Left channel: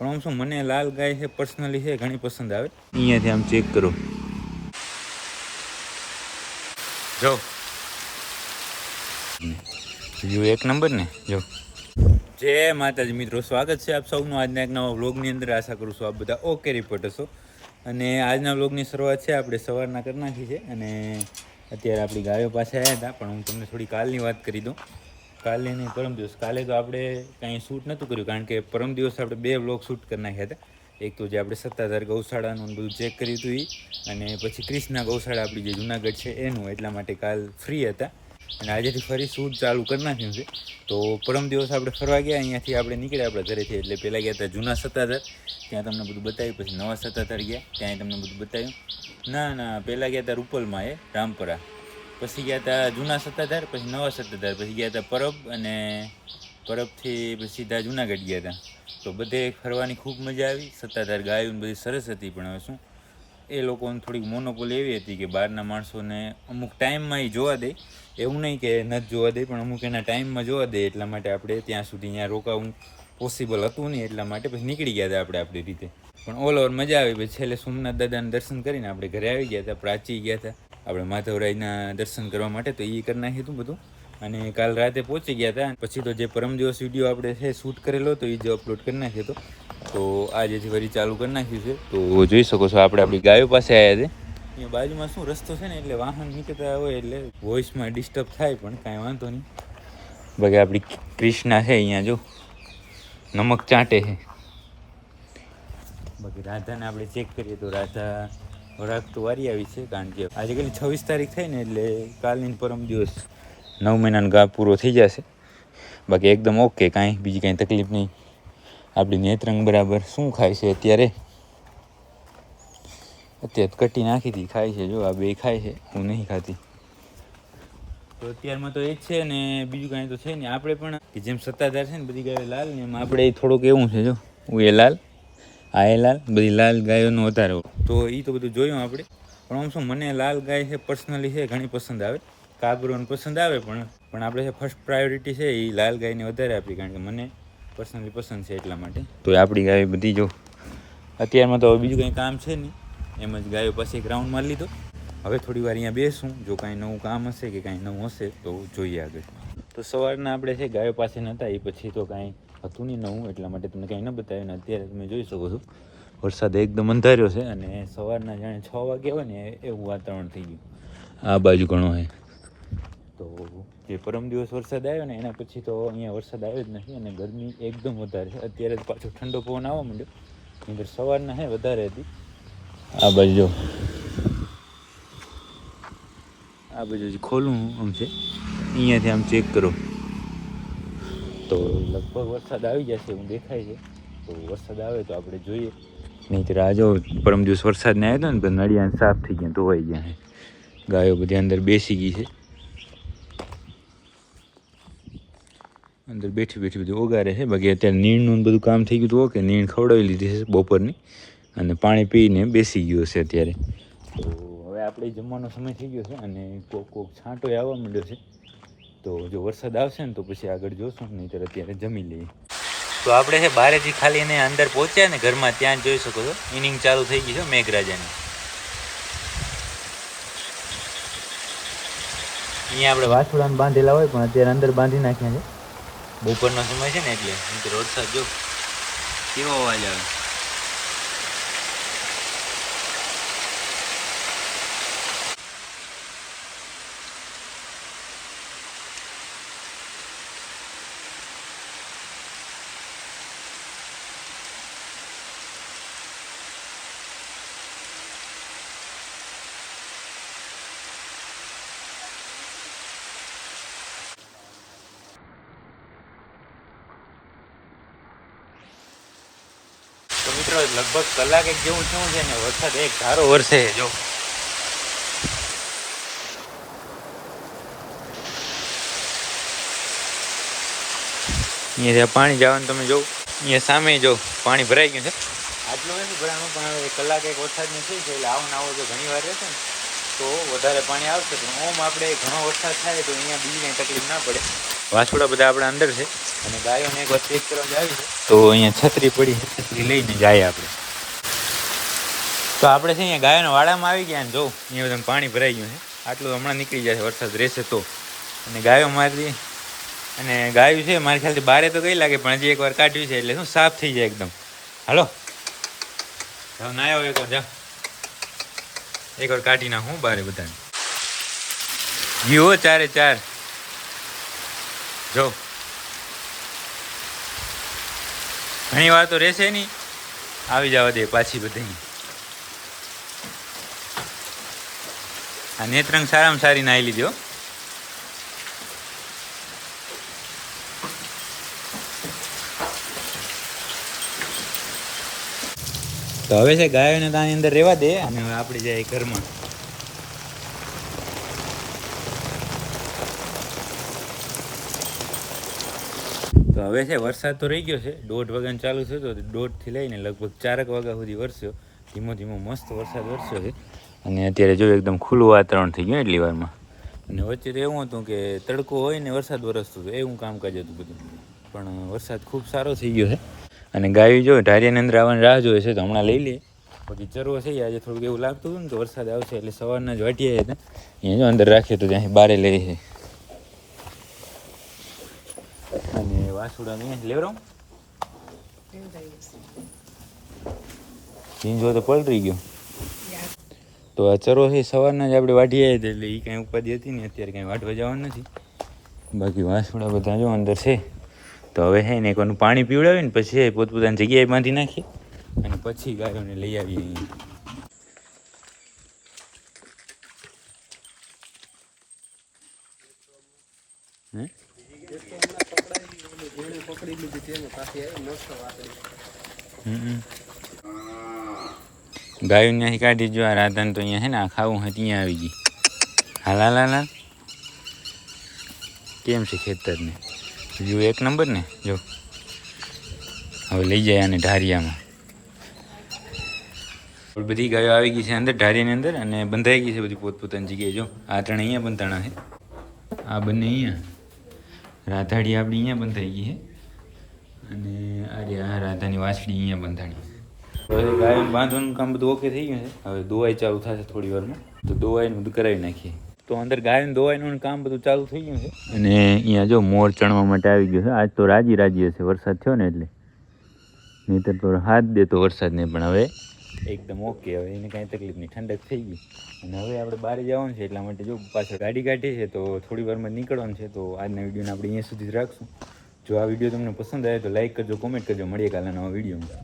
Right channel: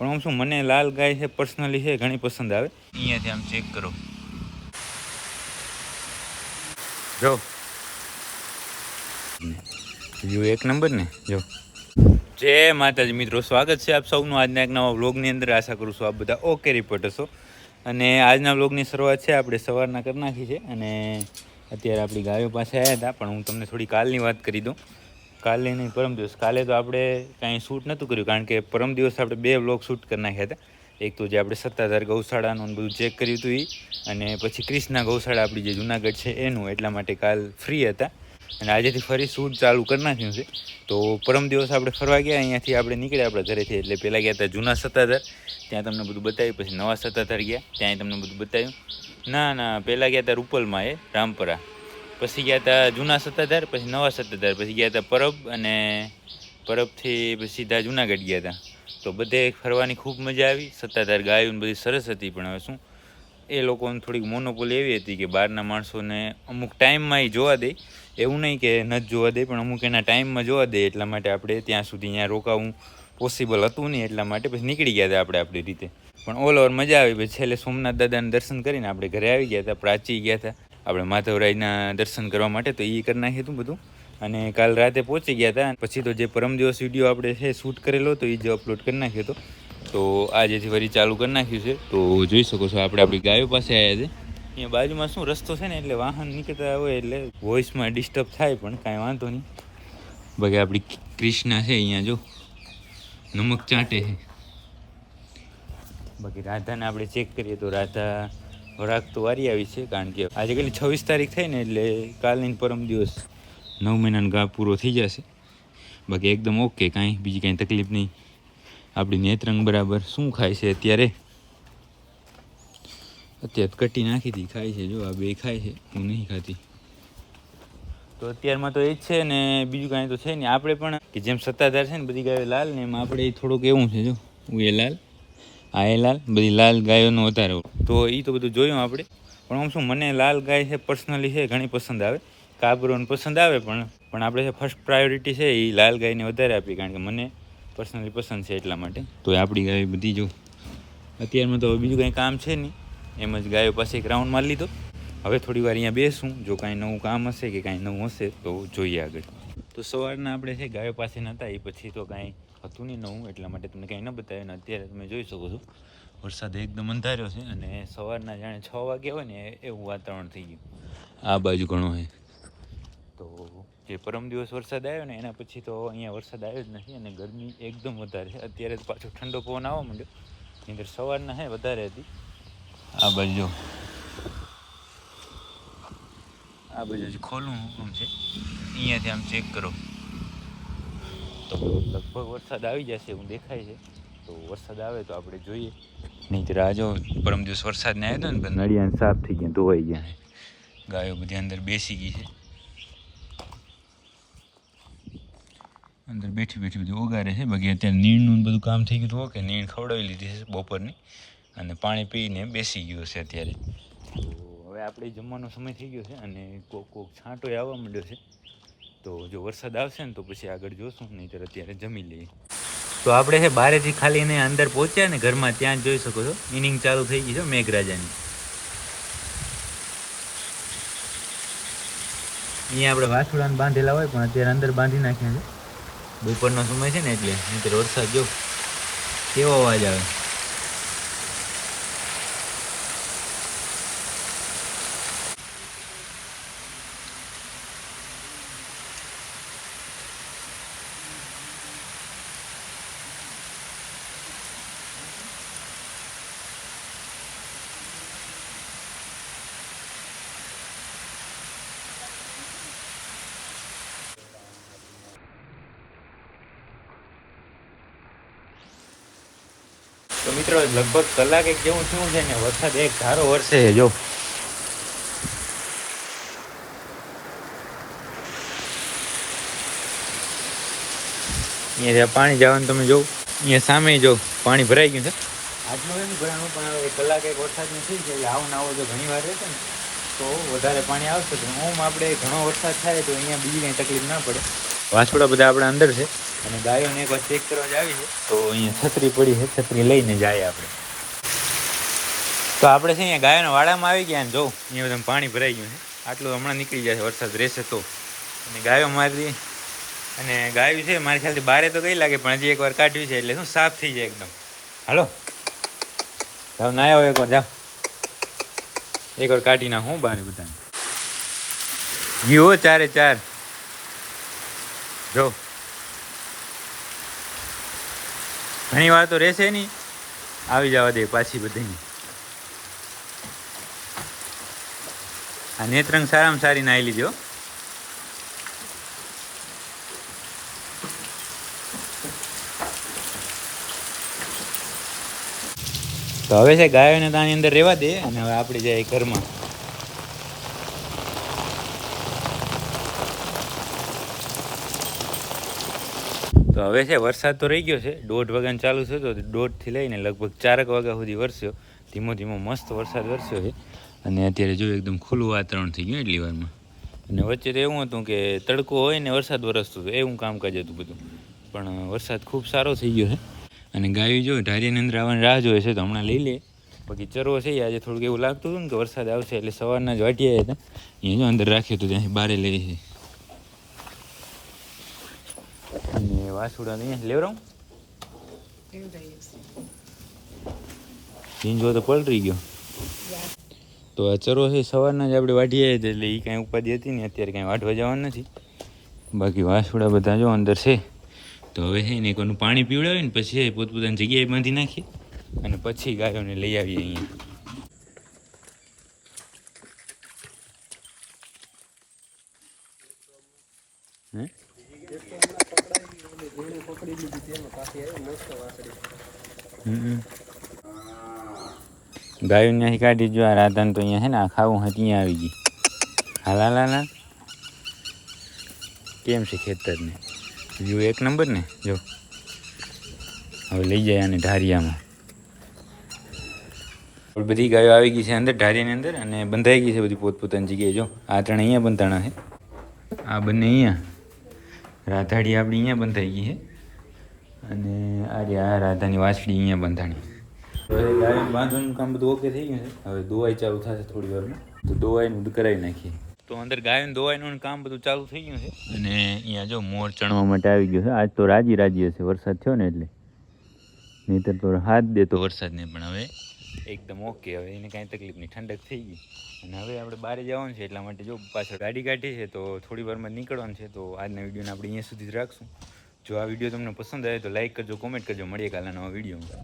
પણ આમ શું, મને લાલ ગાય છે પર્સનલી છે, ઘણી પસંદ આવે. અહીંયાથી આમ ચેક કરો. જો. વ્યૂ એક નંબર ને, જો. જય માતાજી, મિત્રો, સ્વાગત છે આપ સૌનું આજના એક નવા વ્લોગની અંદર. આશા કરું છું આપ બધા ઓકે રિપોર્ટ હશો. અને આજના વ્લોગની શરૂઆત છે, આપણે સવારના કરી નાખી છે. અને અત્યારે આપણી ગાયો પાસે આવ્યા હતા, પણ હું તમને થોડી કાલની વાત કરી દઉં. કાલની નહીં, પરમ દિવસ. કાલે તો આપણે કાંઈ શૂટ નહોતું કર્યું, કારણ કે પરમ દિવસ આપણે બે વ્લોગ શૂટ કરી નાખ્યા હતા. એક તો જે આપણે સત્તાધાર ગૌશાળાનું બધું ચેક કર્યું હતું એ અને પછી ક્રિષ્ના ગૌશાળા આપણી જે જુનાગઢ છે એનું, એટલા માટે કાલ ફ્રી હતા. અને આજેથી ફરી શૂટ ચાલુ કરી નાખ્યું છે. તો પરમ દિવસ આપણે ફરવા ગયા, અહીંયાથી આપણે નીકળ્યા આપણા ઘરેથી, એટલે પહેલાં ગયા હતા જૂના સત્તાધાર. ત્યાં તમને બધું બતાવ્યું, પછી નવા સત્તાધાર ગયા ત્યાં તમને બધું બતાવ્યું. ના ના, પહેલાં ગયા હતા રૂપલમાં એ રામપરા. પછી ગયા હતા જૂના સત્તાધાર, પછી નવા સત્તાધાર. પછી ગયા હતા પરબ અને પરબથી પછી સીધા જુનાગઢ ગયા હતા તો બધે ફરવાની ખૂબ મજા આવી. સત્તાધાર ગાયું ને બધી સરસ હતી, પણ હવે શું? એ લોકોને થોડીક મોનોપોલી એવી હતી કે બહારના માણસોને અમુક ટાઈમમાં એ જોવા દે. એવું નહીં કે નથી જોવા દે, પણ અમુક એના ટાઈમમાં જોવા દે, એટલા માટે આપણે ત્યાં સુધી અહીંયા રોકાવું પોસિબલ હતું નહીં, એટલા માટે પછી નીકળી ગયા હતા આપણે આપણી રીતે. પણ ઓલ ઓવર મજા આવી. પછી છેલ્લે સોમનાથ દાદાના દર્શન કરીને આપણે ઘરે આવી ગયા હતા પ્રાચી ગયા હતા આપણે માધવરાયના દર્શન કરવા માટે તો એ કરી નાખ્યું હતું બધું. અને કાલ રાતે પહોંચી ગયા હતા પછી તો જે પરમ દિવસ વીડિયો આપણે છે શૂટ કરેલો હતો એ જ અપલોડ કરી નાખ્યો હતો. તો આજેથી ફરી ચાલુ કરી નાખ્યું છે. તો જોઈ શકો છો આપણે આપણી ગાયો પાસે આવ્યા છે. અહીંયા બાજુમાં શું રસ્તો છે ને એટલે વાહન નીકળતા હોય એટલે વોઇસમાં ડિસ્ટર્બ થાય પણ કાંઈ વાંધો નહીં. બાકી આપણી ક્રિષ્ના છે અહીંયા જો. નમક ચાટે છે. બાકી રાધાને આપણે ચેક કરીએ તો રાધા વરાક તો વારી આવી છે, કારણ કે આજે કાલે છવ્વીસ તારીખ થઈ ને એટલે કાલની પરમ દિવસ નવ મહિનાનો ગા પૂરો થઈ જશે. બાકી એકદમ ઓકે, કાંઈ બીજી કાંઈ તકલીફ નહીં. આપણી નેત્રંગ બરાબર શું ખાય છે અત્યારે? અત્યારે કટી નાખી હતી, ખાય છે, જો આ બે ખાય છે, હું નહીં ખાતી. તો અત્યારમાં તો એ જ છે ને બીજું કાંઈ તો છે ને આપણે પણ કે જેમ સત્તાધાર છે ને બધી ગાય લાલ ને એમાં આપણે થોડુંક એવું છે, જો, હું એ લાલ. આ લાલ? બધી લાલ ગાયોનો વધારે તો એ તો બધું જોયું આપણે. પણ આમ શું મને લાલ ગાય છે પર્સનલી છે ઘણી પસંદ આવે. કાબરોને પસંદ આવે પણ પણ આપણે છે ફર્સ્ટ પ્રાયોરિટી છે એ લાલ ગાયને વધારે આપી કારણ કે મને પર્સનલી પસંદ છે એટલા માટે. તો આપણી ગાય બધી જો. અત્યારમાં તો હવે બીજું કંઈ કામ છે નહીં. એમ જ ગાયો પાસે એક રાઉન્ડ મારી લીધો. હવે થોડી વાર અહીંયા બેસું. જો કાંઈ નવું કામ હશે કે કાંઈ નવું હશે તો જોઈએ આગળ. તો સવારના આપણે છે ગાયો પાસે નહોતા એ પછી તો કાંઈ હતું નહીં નવું, એટલા માટે તમને કંઈ ન બતાવ્યું ને અત્યારે તમે જોઈ શકો છો. વરસાદ એકદમ અંધાર્યો છે અને સવારના જાણે છ વાગ્યા હોય ને એવું વાતાવરણ થઈ ગયું. આ બાજુ ઘણો છે તો જે પરમ દિવસ વરસાદ આવ્યો ને એના પછી તો અહીંયા વરસાદ આવ્યો જ નથી અને ગરમી એકદમ વધારે છે. અત્યારે પાછો ઠંડો પવન આવવા માંડ્યો. અંદર સવારના હે વધારે હતી. આ બાજુ જો. આ બાજુ ખોલું આમ છે. અહીંયાથી આમ ચેક કરો. તો લગભગ વરસાદ આવી જશે એવું દેખાય છે. તો વરસાદ આવે તો આપણે જોઈએ. નહીંતર આ જો પરમ દિવસ વરસાદ ને આવ્યો હતો ને નડિયાને સાફ થઈ ગયા ધોવાઈ ગયા છે. ગાયો બધી અંદર બેસી ગઈ છે. અંદર બેઠી બેઠી બધું ઓગારે છે. બાકી અત્યારે નીણનું બધું કામ થઈ ગયું હતું ઓકે નીણ ખવડાવી લીધી છે બપોરની. અને પાણી પીને બેસી ગયો છે અત્યારે. તો હવે આપણે જમવાનો સમય થઈ ગયો છે અને કોક કોક છાંટો આવવા માંડ્યો છે. તો જો વરસાદ આવશે ને તો પછી આગળ જોશું, નહીંતર અત્યારે જમી લઈએ. તો આપણે છે બારેથી ખાલી એને અંદર પહોંચ્યા ને ઘરમાં ત્યાં જોઈ શકો છો. ઇનિંગ ચાલુ થઈ ગઈ છે મેઘરાજાની. અહીંયા આપણે વાસુડાને બાંધેલા હોય, પણ અત્યારે અંદર બાંધી નાખ્યા છે. બપોરનો સમય છે ને એટલે વરસાદ જો, કેવો અવાજ આવે? તો મિત્રો, લગભગ કલાક એક જેવું થયું છે ને, વરસાદ એક ધારો વરસે જો. અહીંયા પાણી જવાનું તમે જો, અહીંયા સામે જો પાણી ભરાઈ ગયું છે. આટલું નથી ભરાણું, પણ કલાક એક વરસાદની થઈ છે, એટલે આવો આવો જો ઘણી વાર રહેશે ને, તો વધારે પાણી આવશે. પણ ઓમ આપણે ઘણો વરસાદ થાય તો અહીંયા બીજી કંઈ તકલીફ ના પડે. વાછોડા બધા આપણા અંદર છે. અને ગાયોને એક વાર ચેક કરવા જ આવી છે. તો અહીંયા છત્રી પડી છે છત્રી લઈને જાય આપણે. તો આપણે છે અહીંયા ગાયોના વાડામાં આવી ગયા ને જો અહીંયા બધા પાણી ભરાઈ ગયું છે. આટલું હમણાં નીકળી જશે વરસાદ રહેશે તો. અને ગાયો મારી અને ગાયું છે મારી ખ્યાલથી બારે તો કઈ લાગે પણ હજી એકવાર કાઢ્યું છે એટલે શું સાફ થઈ જાય એકદમ. હાલો. જાઓ ના આવ્યો એકવાર જાઓ. એકવાર કાઢી નાખું બારે બધાને. જીવો ચારે ચાર. જો. ઘણી વાર તો રહેશે નહીં. આવી જવા દે પાછી બધી આ નેત્રંગ સારામાં સારી નાહી લીધો તો હવે છે ગાયોને તાની અંદર રહેવા દે અને હવે આપણી જાય ઘરમાં. તો હવે છે, વરસાદ તો રહી ગયો છે. દોઢ વાગ્યાને ચાલુ છે તો દોઢથી લઈને લગભગ ચારક વાગ્યા સુધી વરસ્યો. ધીમો ધીમો મસ્ત વરસાદ વરસ્યો છે. અને અત્યારે જો એકદમ ખુલ્લું વાતાવરણ થઈ ગયું એટલી વારમાં. અને વચ્ચે તો એવું હતું કે તડકો હોય ને વરસાદ વરસતો હતો, એવું કામકાજ હતું બધું. પણ વરસાદ ખૂબ સારો થઈ ગયો છે. અને ગાયું જો ઢારિયાની અંદર આવવાની રાહ જોઈએ છે તો હમણાં લઈ લે. બાકી ચરવો છે આજે થોડુંક એવું લાગતું હતું ને કે વરસાદ આવશે એટલે સવારના જ વાટીયા હતા. અહીંયા જો અંદર રાખ્યો તો ત્યાંથી બારે લઈ છે અને વાસુડા અહીંયા લેવરાઉં ઝીંજો તો પલરી ગયો. તો આ ચરો છે સવારના જ આપણે વાઢી આવી એટલે એ કાંઈ ઉપાધિ હતી ને અત્યારે કાંઈ વાઢવા જવાનું નથી. બાકી વાસુડા બધા જો અંદર છે. તો હવે છે ને એકવાનું પાણી પીવડાવીને પછી પોતપોતાની જગ્યાએ બાંધી નાખીએ. અને પછી ગાયોને લઈ આવીએ અહીંયા હે હમ. ગાયું ત્યાંથી કાઢી જો આ રાધાને તો અહીંયા છે ને આ ખાવું હોય ત્યાં આવી ગઈ. હાલા લા. કેમ છે ખેતરને? જો એક નંબર ને, જો. હવે લઈ જાય આને ઢારિયામાં. બધી ગાયો આવી ગઈ છે અંદર, ઢારિયાની અંદર, અને બંધાઈ ગઈ છે બધી પોતપોતાની જગ્યાએ. જો, આ ત્રણ અહીંયા બંધાણા છે. આ બંને અહીંયા. રાધાડી આપણી અહીંયા બંધાઈ ગઈ છે. અને આ રહી આ રાધાની વાછડી અહીંયા બંધાણી. તો હવે ગાય બાંધવાનું કામ બધું ઓકે થઈ ગયું છે. હવે દોવાઈ ચાલુ થશે થોડી વારમાં. તો દોવાઈનું બધું કરાવી નાખીએ. તો અંદર ગાયોને દોવાઈનું કામ બધું ચાલુ થઈ ગયું છે. અને અહીંયા જો મોર ચણવા માટે આવી ગયો છે. આજ તો રાજી રાજી હશે. વરસાદ થયો ને એટલે. નહીતર તો હાથ દેતો વરસાદને પણ હવે એકદમ ઓકે. હવે એને કાંઈ તકલીફ નહીં. ઠંડક થઈ ગઈ. અને હવે આપણે બહાર જવાનું છે. એટલા માટે જો પાછળ ગાડી કાઢી છે, તો થોડી વારમાં નીકળવાનું છે. તો આજના વિડીયોને આપણે અહીંયા સુધી જ રાખશું. જો આ વીડિયો તમને પસંદ આવે તો લાઈક કરજો કોમેન્ટ કરજો. મળીએ કાલના નવા વિડીયોમાં.